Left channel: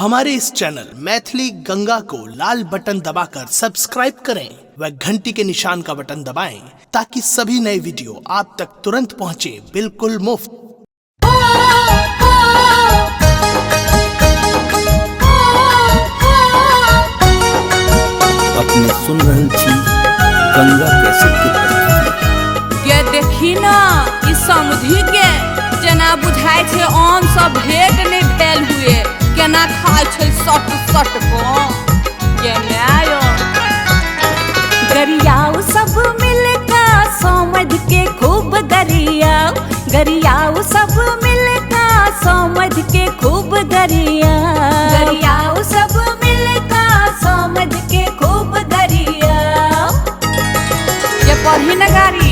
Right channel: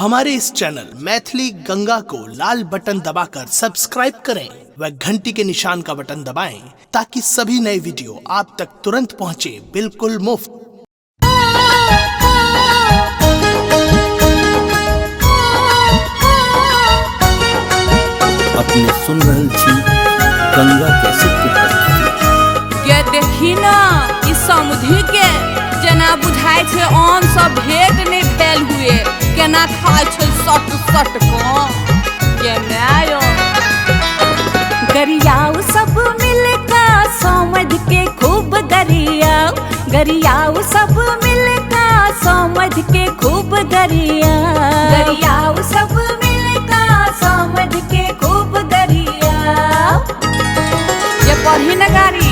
हमारे इस चैनल मैथिली गंगा को लाल बटन दबाकर सब्सक्राइब करें व घंटी के निशान का बटन दबाएं ताकि सभी नए वीडियो आप तक तुरंत पहुंचे बिल्कुल मुफ्त। अपने सुन रहल छी गंगा कैसेट के प्रस्तुति। ये देखी ना इस समुद्री के जना बुझाई छे आम सब भेंट नहीं भेल हुए केना खाय छे सट सट को के मायो गरियाओ सब मिलका समझ के खूब गरियाओ गरियाओ सब मिलका समझ के खूब गरियाओ सब मिलका समझ के खूब गरियाओ ये पढ़ी न गाड़ी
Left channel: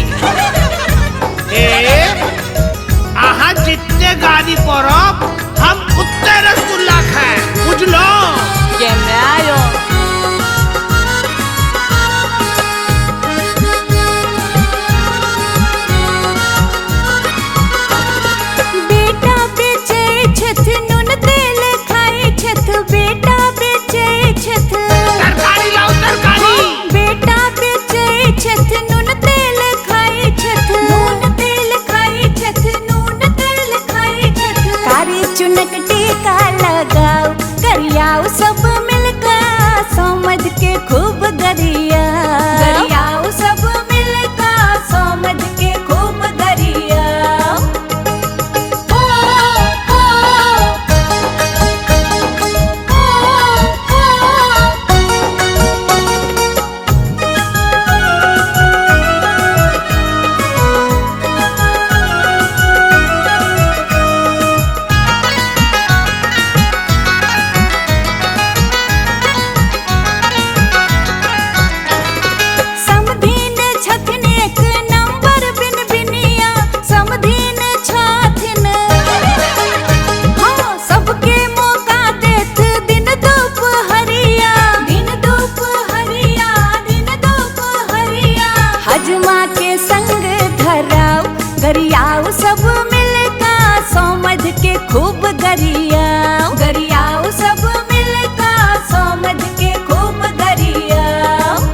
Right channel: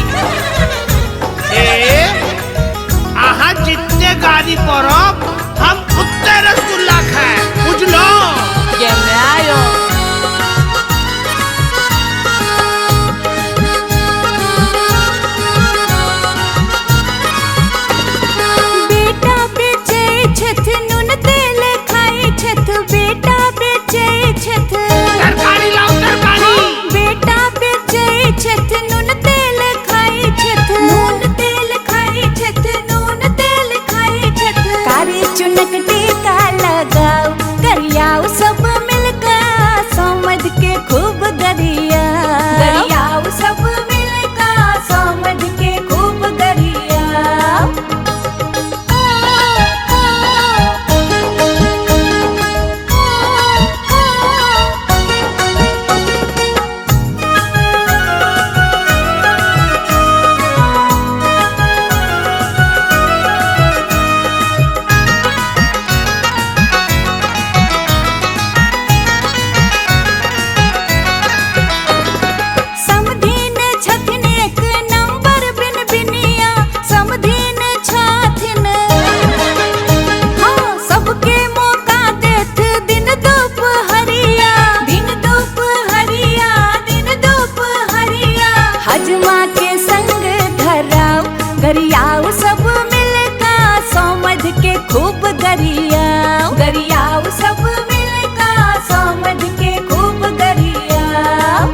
आहा जितने गाड़ी पड़ब हम उतने रसगुल्ला खाए बुझलो ये मायो बेटा बेचे छथ नून तेल खाए छथ बेटा बेचे छथ तरकारी लाओ तरकारी बेटा बेचे छथ नून तेल खाए छथ नून तेल खाए छथ नून तेल खाए छथ कारी चुनक टीका लगाओ गरियाओ सब मिलकर समझ के खूब गरियाओ सब मिलकर समझ के खूब गरियाओ समधीन छथिन एक नंबर बिन बिनिया समधीन छथिन हाँ सबके मौका देत दिन दोपहरिया हजमा के संग धराओ गरियाओ सब मिलका समझ के खूब गरियाओ सब मिलका समझ के खूब गरियाओ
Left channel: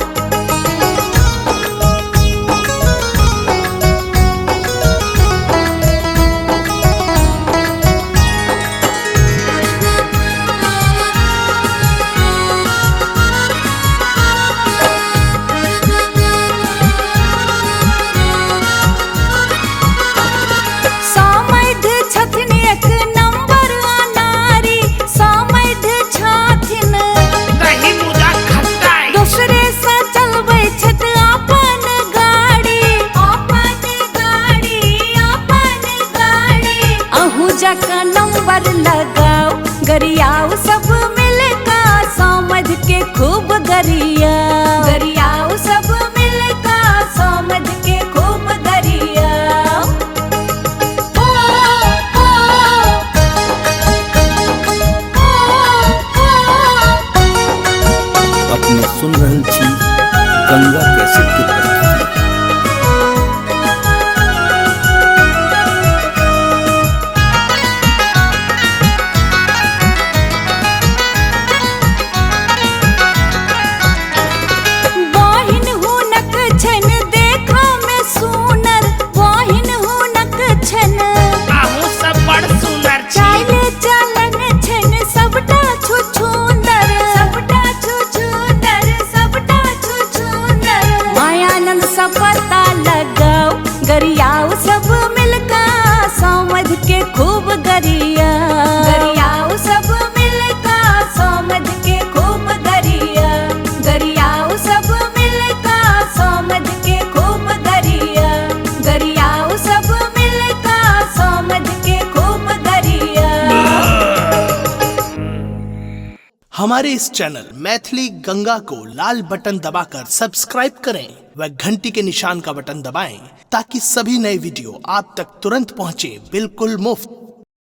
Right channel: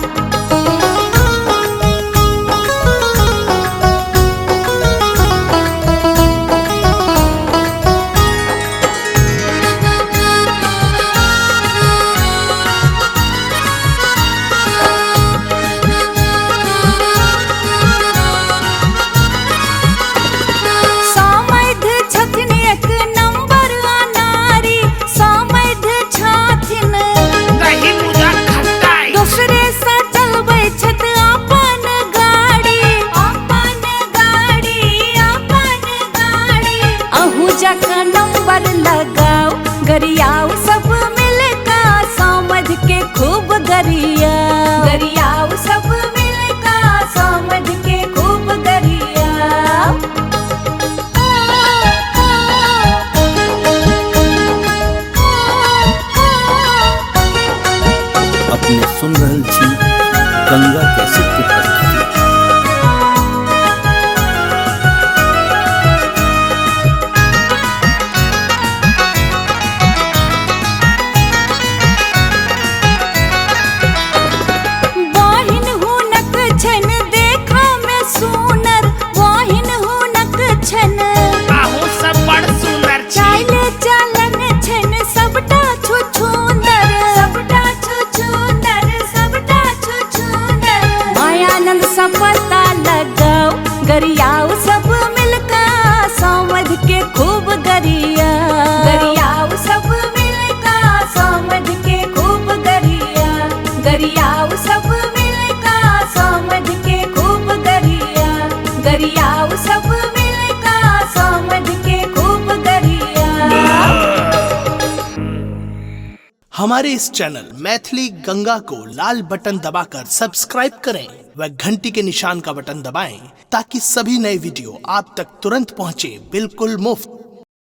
समध छथिन एक नंबर अनारी समध छथिन दही मुदा खट्टाई दूसरे से चलबै छथ अपन गाड़ी अहू जका नंबर लगाओ गरियाओ सब मिलका समझ के खूब गरियाओ सब मिलका समझ के खूब गरियाओ अपने सुन रहल छी गंगा कैसेट के प्रस्तुति। बहिन हुनक छन देखा में सुनर बहिन हुनक छन आहू सब बड़ सुंदर छी चाले चालन छन सबटा छुछुंदर मायानंद सब पता लगाओ गरियाओ सब मिलका समझ के खूब गरियाओ सब मिलका समझ के खूब गरियाओ सब मिलका समझ के खूब गरियाओ सब मिलका समझ के खूब गरियाओ हमारे इस चैनल मैथिली गंगा को लाल बटन दबाकर सब्सक्राइब करें व घंटी के निशान का बटन दबाएं ताकि सभी नए वीडियो आप तक तुरंत पहुंचे बिल्कुल मुफ्त।